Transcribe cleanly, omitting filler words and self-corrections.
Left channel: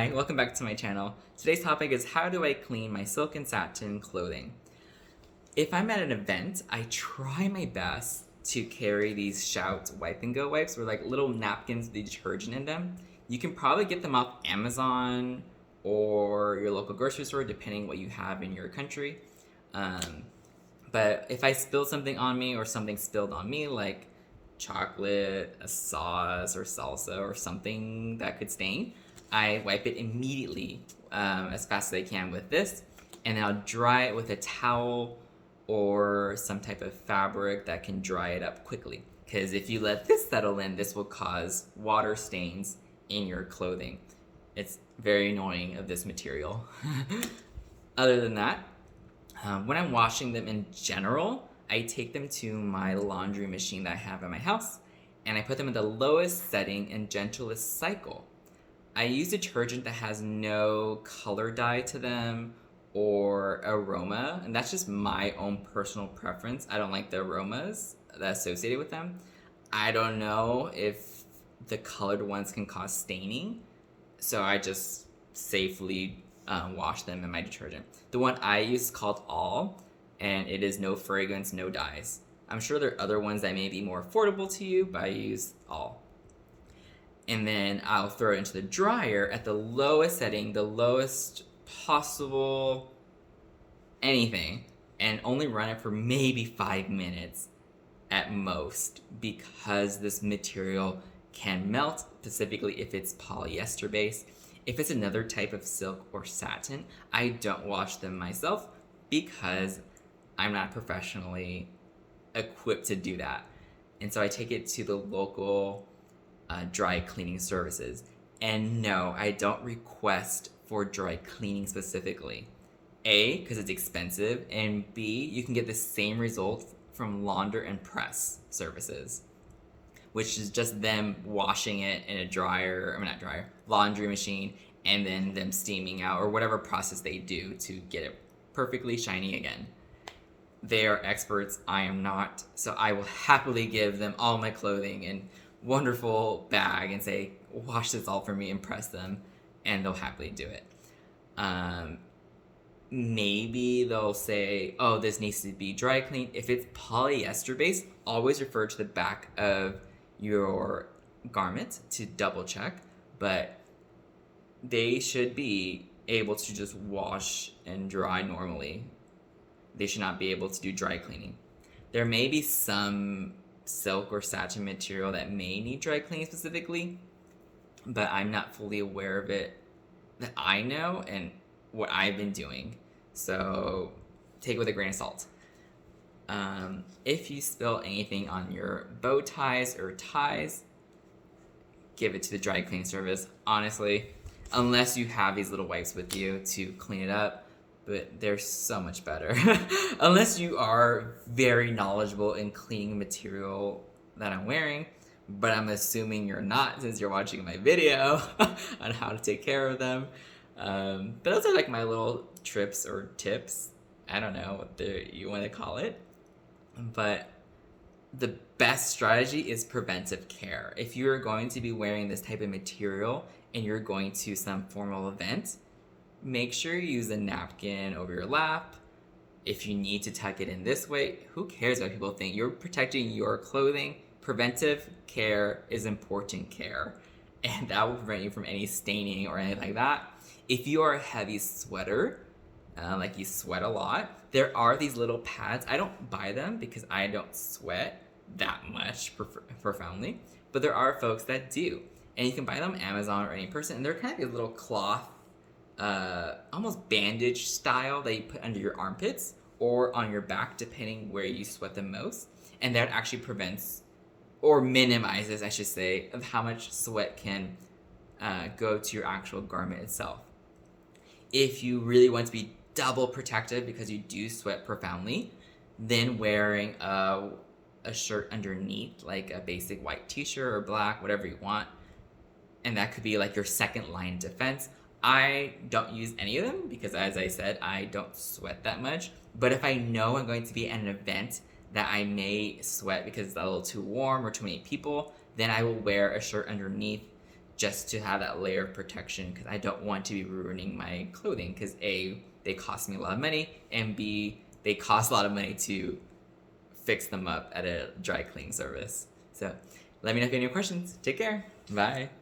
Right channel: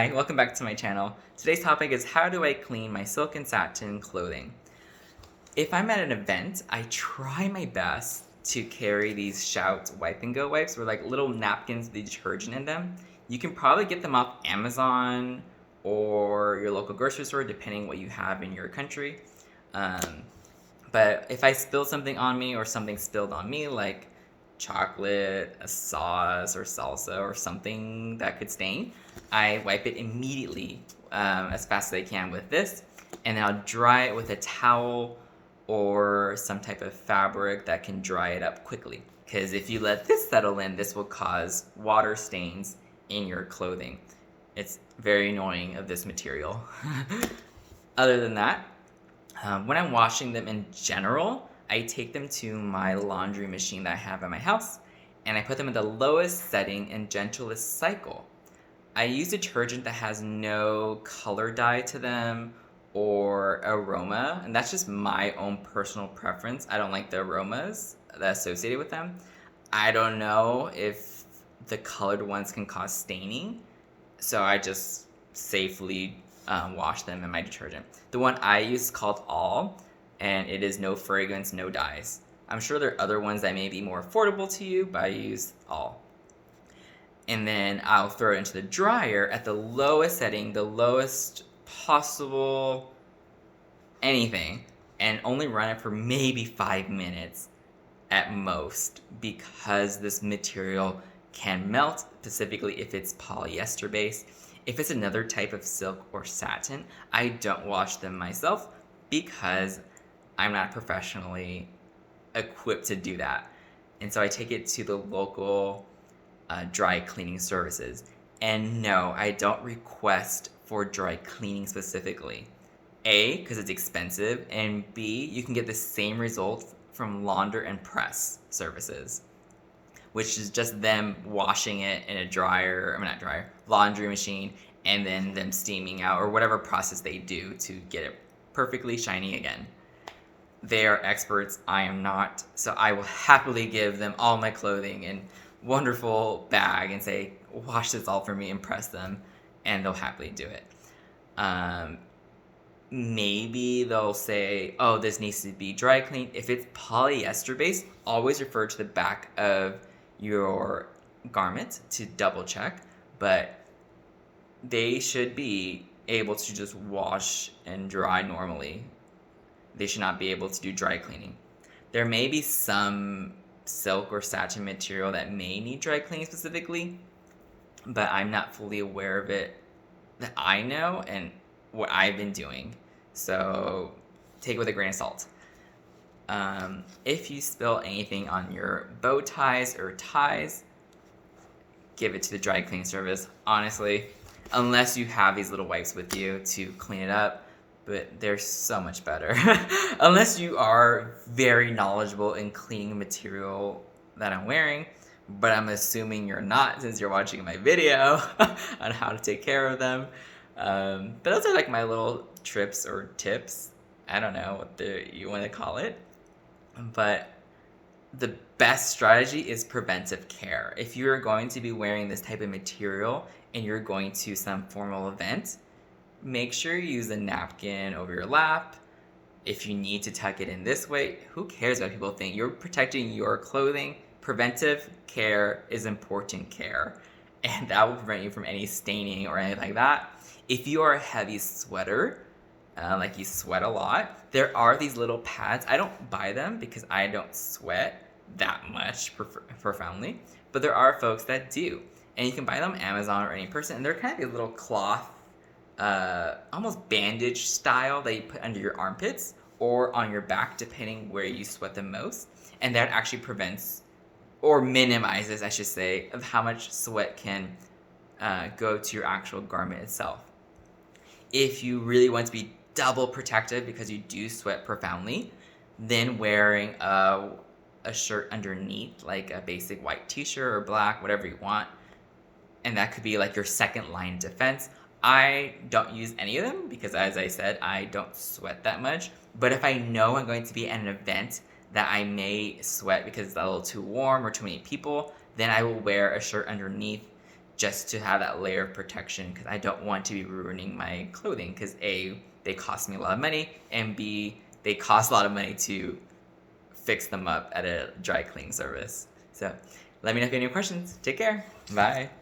Hi, welcome back to my channel. Today's topic is how do I clean my silk and satin clothing? If I'm at an event, I try my best to carry these Shout wipe and go wipes or like little napkins with the detergent in them. You can probably get them off Amazon or your local grocery store depending what you have in your country. Um, but if I spill something on me or something spilled on me, like chocolate, a sauce, or salsa, or something that could stain, I wipe it immediately as fast as I can with this, and then I'll dry it with a towel or some type of fabric that can dry it up quickly. Because if you let this settle in, this will cause water stains in your clothing. It's very annoying of this material. Other than that, when I'm washing them in general, I take them to my laundry machine that I have at my house, and I put them in the lowest setting and gentlest cycle. I use detergent that has no color dye to them or aroma, and that's just my own personal preference. I don't like the aromas that are associated with them. I don't know if the colored ones can cause staining, so I just safely wash them in my detergent. The one I use is called All, and it is no fragrance, no dyes. I'm sure there are other ones that may be more affordable to you, but I use All. And then I'll throw it into the dryer at the lowest setting, the lowest possible anything, and only run it for maybe 5 minutes at most, because this material can melt, specifically if it's polyester based. If it's another type of silk or satin, I don't wash them myself because I'm not professionally equipped to do that. And so I take it to the local dry cleaning services. And no, I don't request for dry cleaning specifically. A, because it's expensive, and B, you can get the same result from launder and press services, which is just them washing it in a laundry machine, and then them steaming out or whatever process they do to get it perfectly shiny again. They are experts, I am not, so I will happily give them all my clothing in wonderful bag and say, wash this all for me, impress them, and they'll happily do it. Maybe they'll say, oh, this needs to be dry cleaned. If it's polyester based, always refer to the back of your garment to double check, but they should be able to just wash and dry normally. They should not be able to do dry cleaning. There may be some silk or satin material that may need dry cleaning specifically, but I'm not fully aware of it that I know and what I've been doing. So take it with a grain of salt. If you spill anything on your bow ties or ties, give it to the dry cleaning service. Honestly, unless you have these little wipes with you to clean it up, but they're so much better. Unless you are very knowledgeable in cleaning material that I'm wearing, but I'm assuming you're not since you're watching my video on how to take care of them. But those are like my little trips or tips. I don't know what you want to call it. But the best strategy is preventive care. If you're going to be wearing this type of material and you're going to some formal event, make sure you use a napkin over your lap. If you need to tuck it in this way, who cares what people think? You're protecting your clothing. Preventive care is important care, and that will prevent you from any staining or anything like that. If you are a heavy sweater, like you sweat a lot, there are these little pads. I don't buy them because I don't sweat that much profoundly, but there are folks that do, and you can buy them on Amazon or any person, and they're kind of these little cloth, almost bandage style that you put under your armpits or on your back, depending where you sweat the most, and that actually prevents or minimizes, I should say, of how much sweat can go to your actual garment itself. If you really want to be double protected because you do sweat profoundly, then wearing a shirt underneath, like a basic white t-shirt or black, whatever you want, and that could be like your second line defense. I don't use any of them because, as I said, I don't sweat that much. But if I know I'm going to be at an event that I may sweat because it's a little too warm or too many people, then I will wear a shirt underneath just to have that layer of protection, because I don't want to be ruining my clothing, because A, they cost me a lot of money, and B, they cost a lot of money to fix them up at a dry clean service. So let me know if you have any questions. Take care. Bye.